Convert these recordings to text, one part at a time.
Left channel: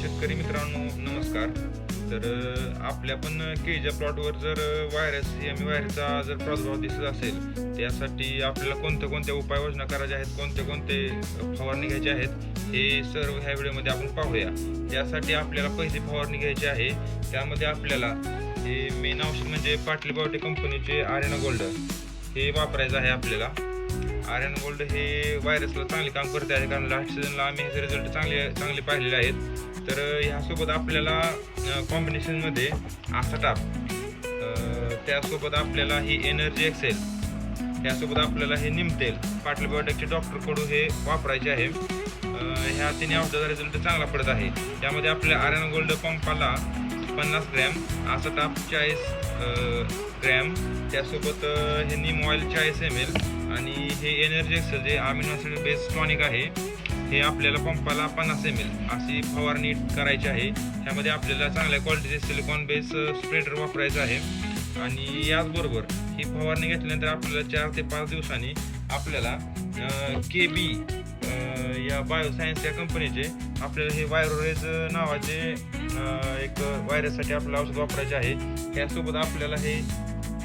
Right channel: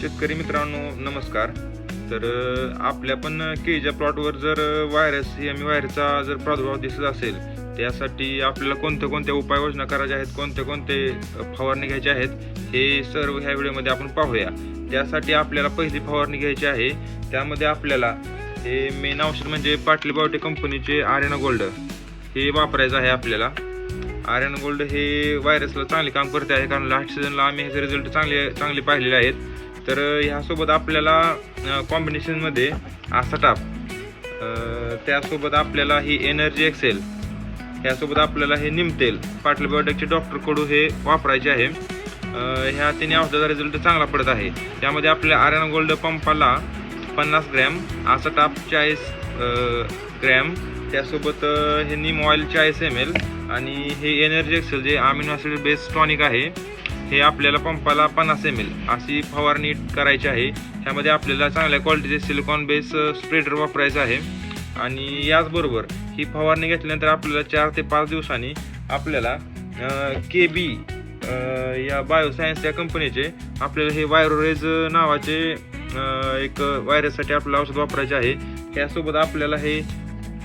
शेतकरी मित्रांनो नमस्कार. तर आपल्या पण केळीच्या प्लॉटवर जर व्हायरस एम आम्ही व्हायरसचा जर प्रादुर्भाव दिसत असेल त्यासाठी आपल्याला कोणत्या कोणत्या उपाययोजना करायच्या आहेत कोणते कोणते फवारणी घ्यायचे आहेत हे सर्व ह्या व्हिडिओमध्ये आपण पाहूया. त्यासाठी आपल्याला पहिली फवारणी घ्यायची आहे त्यामध्ये आपल्याला हे मेन औषध म्हणजे पाटली बायोटेक कंपनीचे आर्यना गोल्ड हे वापरायचं आहे आपल्याला. आर्यन गोल्ड हे व्हायरसला चांगले काम करते आहे कारण लास्ट सीझनला आम्ही ह्याचे रिझल्ट चांगले चांगले पाहिलेले आहेत. तर ह्यासोबत आपल्याला कॉम्बिनेशनमध्ये असा टाप त्यासोबत आपल्याला ही एनर्जी एक्सेल ह्यासोबत आपल्याला हे निमतेल पाटल बायोटेकचे डॉक्टर कडू हे वापरायचे आहे. ह्या तिन्ही औषधाचा रिझल्ट चांगला पडत आहे. त्यामध्ये आपल्या आर्यन गोल्ड पंपाला पन्नास ग्रॅम असा टाप चाळीस ग्रॅम त्यासोबत हे नीम ऑइल चाळीस एम एल आणि हे एनर्जी एक्सेल जे अमिनो ॲसिड बेस टॉनिक आहे हे आपल्याला पंपाला पन्नास एम एल अशी फवारणी करायची आहे. ह्यामध्ये आपल्याला चांगल्या क्वालिटीचे सिलिकॉन बेस स्प्रेडर वापरायचं आहे. आणि याचबरोबर ही फवारणी घेतल्यानंतर आपल्याला चार ते पाच दिवसांनी आपल्याला के बी या बायोसायन्स या कंपनीचे आपल्याला हे वायरोरेज नावाचे एक व्हायरससाठी आपल्याला औषध वापरायचे आहे. त्यासोबत आपल्याला हे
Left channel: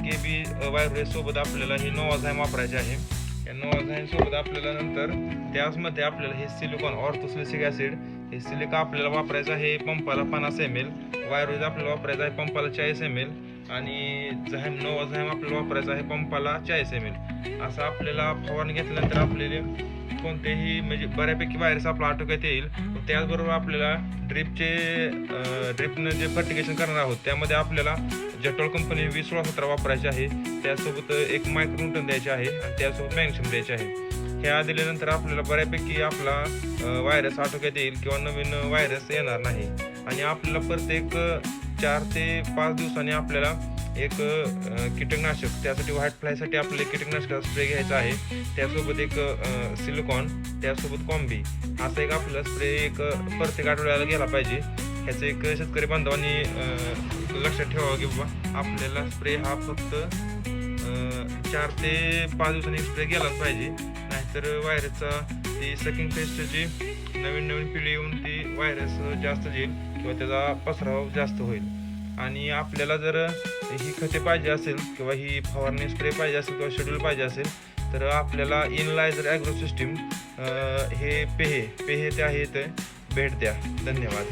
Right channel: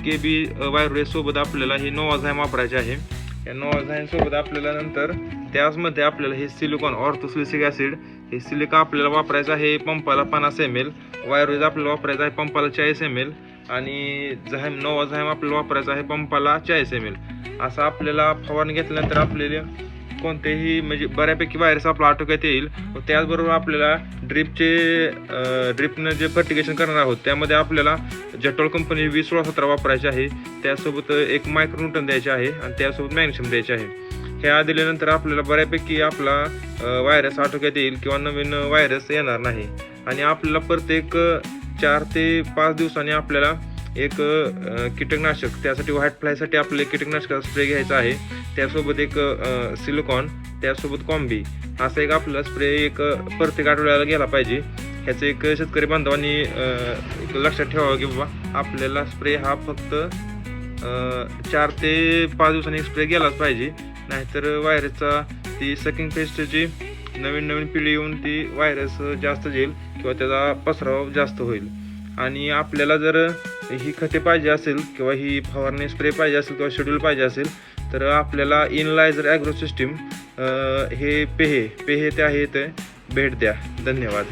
के बी व्हायरोरेज आपल्याला हे नोवाझायम वापरायचे आहे. या नोवाझायमसोबत आपल्याला नंतर त्याचमध्ये आपल्याला हे सिलिकॉन ऑर्थोसिलिसिक ॲसिड हे सिलिका आपल्याला वापरायचं आहे पंपाला पन्नास एम एल वायरोज आपल्याला वापरायचं आहे पंपाला चाळीस एम एल आणि झाईम नोवाझाईम आपल्याला वापरायचं आहे पंपाला चाळीस एम एल. असं आपल्याला फवारणी घेतल्यानंतर आपल्याला कोणतेही म्हणजे बऱ्यापैकी व्हायरस आपला आटोक्यात येईल. व त्याचबरोबर आपल्याला ड्रिपचे ड्रिपनं जे फर्टिगेशन करणार आहोत त्यामध्ये आपल्याला जटोल कंपनी वीस सोळा सतरा वापरायचे आहे. त्यासोबत एक मायक्रोन्यूटन द्यायचे आहे आणि त्यासोबत मॅग्नेशियम द्यायचे आहे. ह्या दिल्यानंतर आपल्याला बऱ्यापैकी आपला व्हायरस आटोक्यात येईल किंवा नवीन व्हायरस येणार नाही. आणि आपल्याला प्रत्येक चार ते पाच दिवसांनी आपल्याला एक कीटकनाशक. त्यासाठी व्हाईट फ्लायसाठी आपल्याला कीटकनाशक स्प्रे घ्यायचा आहे. त्यासोबत एक सिलिकॉन त्यासोबत कॉम्बी असा एक आपला स्प्रे एक प्रत्येक आठवड्याला गेला पाहिजे. ह्याचं एक शेतकरी बांधवांनी एक लक्षात ठेवावं की बाबा आपल्याला स्प्रे हा फक्त चार ते पाच दिवसांनी स्प्रे गेलाच पाहिजे. नाहीतर व्हायरसचा ती सकिंग पेस्टची नवीन नवीन पिढी येऊन ती व्हायरस जास्त येईल किंवा त्याचा पसराव जास्त होईल. आणि आपल्याला जर ही खते पाहिजे असेल किंवा ही फवारणी स्प्रे पाहिजे असेल किंवा शेड्यूल पाहिजे असेल तर आपल्याला इनलायझर ॲग्रो सिस्टीम हे पेहे पेहे ते आहे ते भेट द्या. धन्यवाद.